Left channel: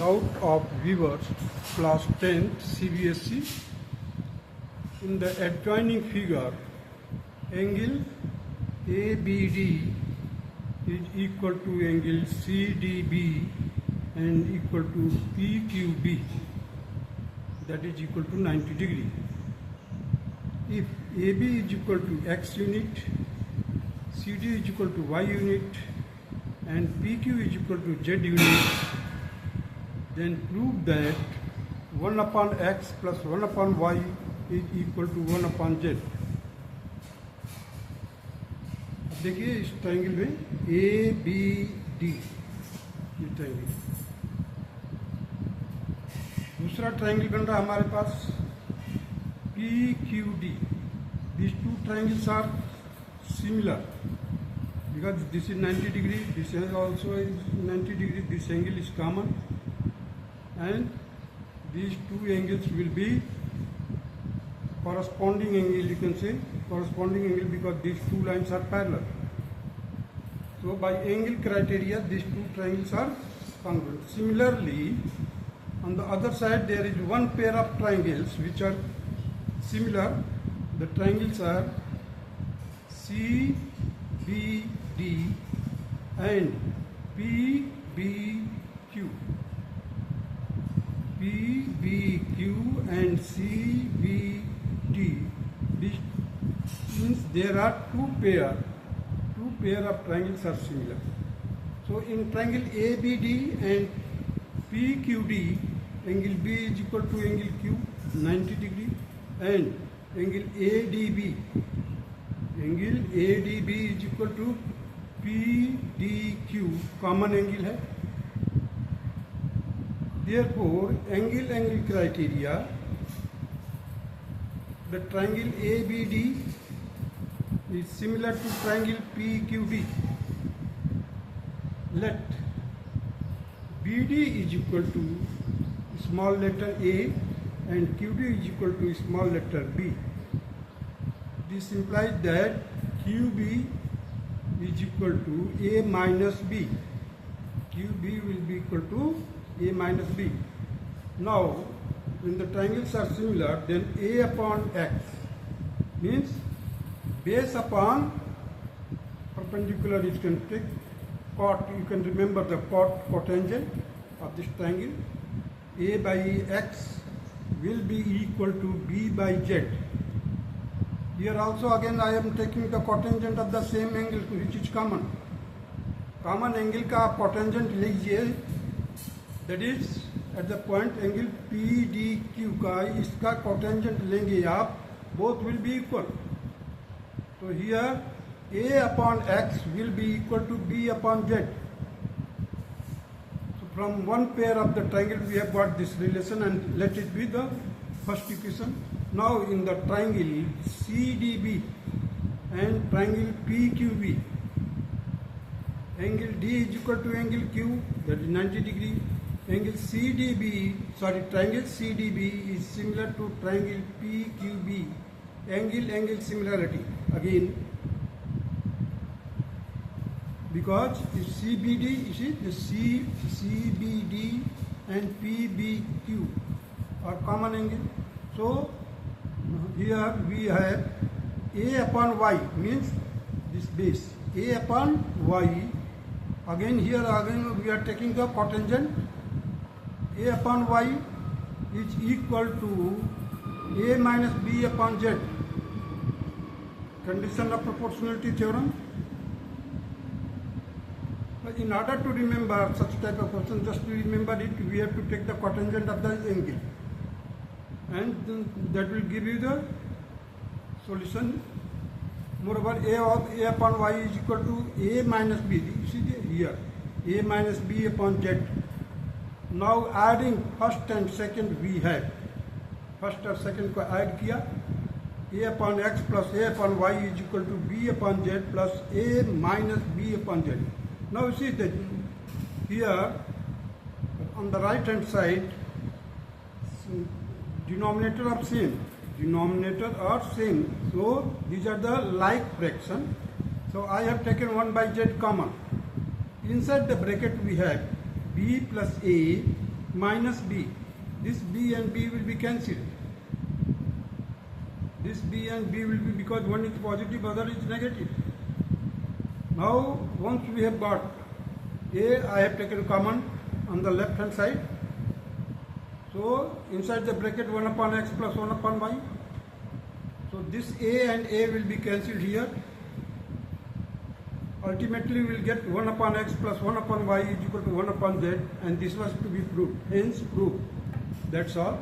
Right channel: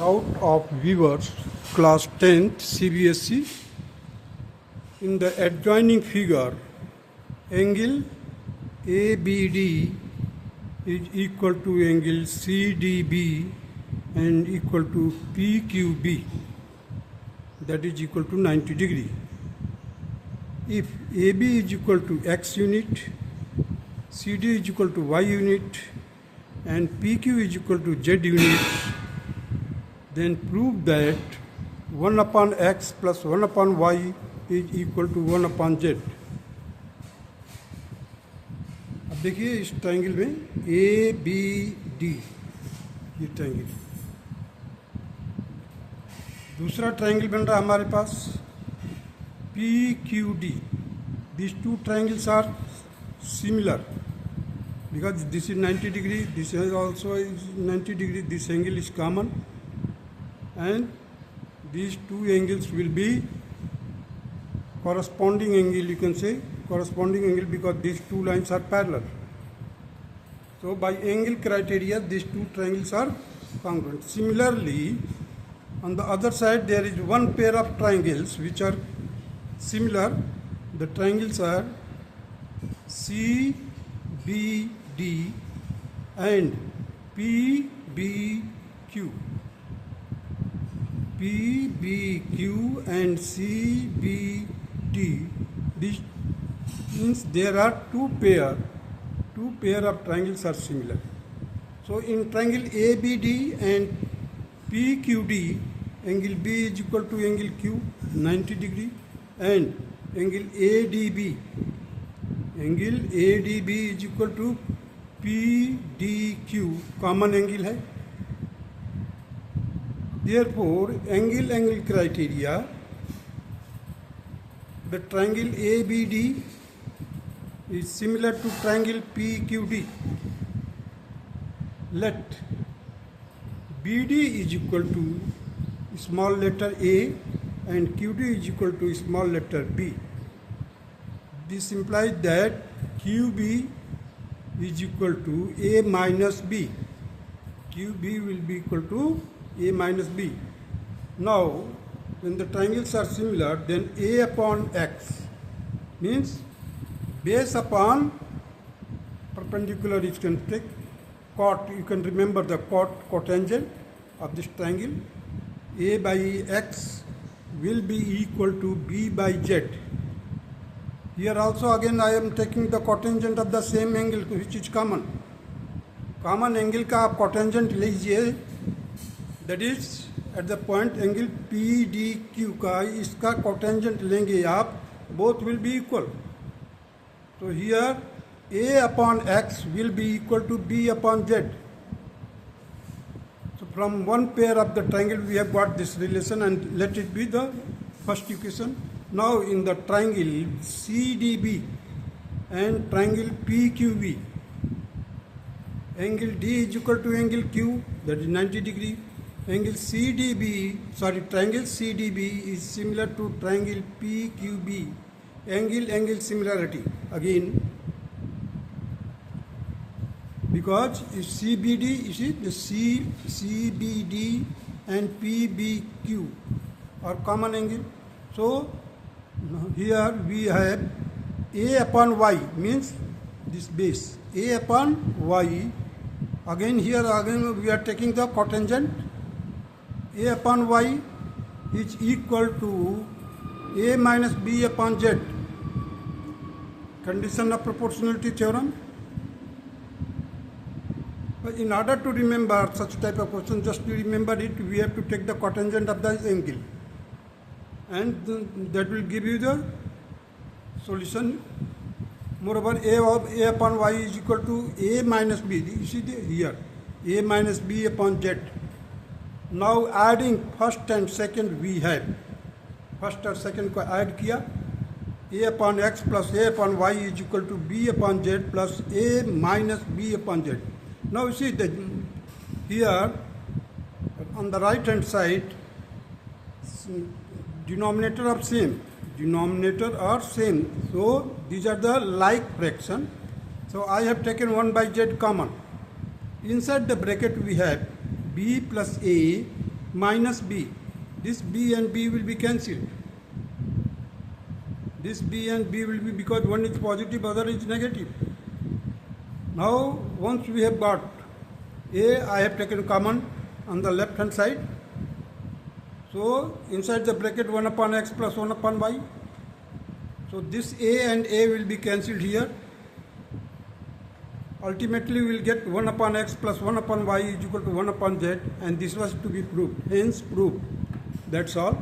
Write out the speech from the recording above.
Out of viewers, class 10 CBSE. In the adjoining figure, angle ABD is equal to angle CDB and equal to PQB, that is equal to 90 degree. If AB is equal to X unit, CD is equal to Y unit and PQ is equal to Z unit, then prove that 1 upon x plus 1 upon y is equal to 1 upon z. अब देखिए इस triangle में A B D, ये triangle. दूसरा triangle बन रहा है हमारे पास P Q D. These two triangles are similar because this is 90 degree, this is also is 90 degree, this angle is common. And these two angles will be corresponding angle, you can say corresponding angle because these two lines are parallel. So by angle criteria these two triangles are congruent. Similarly, on the other side there is one pair of triangles which are similar. The triangles are CBD and PBQ. PBQ and CBD. This means there are two pair of triangles are similar. So in triangle ABD and PQD, angle B is equal to angle Q 90 degree and angle ADB is equal to PDQ, common angle है. Therefore, angle criteria, the triangle ABD is similar to triangle PQD. Let BD is equal to small letter A and QD is equal to small letter B. This implies that QB is equal to A minus B. QB will be equal to A minus B. Now, when the triangles are similar, then A upon X means base upon perpendicular. You can take cot, you can remember the cotangent of this triangle. A by X will be equal to B by Z. Here also again I am taking the cotangent of the same angle which is common. Common angle का आप cotangent लीजिए, that is at the point angle PDQ का इसका cotangent लेंगे आप, both will be equal. So here A upon X will be equal to B upon Z. So from one pair of the triangle we have got this relation and let it be the first equation. Now in the triangle CDB and triangle PQB, angle D is equal to angle Q, that is 90 degree. Triangle CDB is similar to triangle PQB. Angle similarity again, because if CBD, you see the CBD and PBQ are common angle. So here we have A upon Y means this base A upon Y. Again here we are taking the cotangent. A upon Y is equal to A minus B upon Z. Condition of proportionality theorem. But in order to remember such type of question, just to remember it, we have to take the cotangent of the angle, and that will give you the solution. Moreover, A upon Y is equal to A minus B. You see here, A minus B upon Z. Now adding first and second we have. First और second को add किया. A upon X plus A upon Y is equal to B upon Z plus A minus B upon Z. Now you see that here on the right hand side, denominator are same. So these are the like fraction. So I have taken 1 by Z common. Inside the bracket we have b plus a minus b. This b and b will be cancelled. This b and b will be, because one is positive, other is negative. Now once we have got a, I have taken common on the left hand side. So inside the bracket 1 upon x plus 1 upon y. So this a and a will be cancelled here. Ultimately we will get 1 upon x plus 1 upon y is equal to 1 upon z, and this was to be proved. Hence proved. That's all.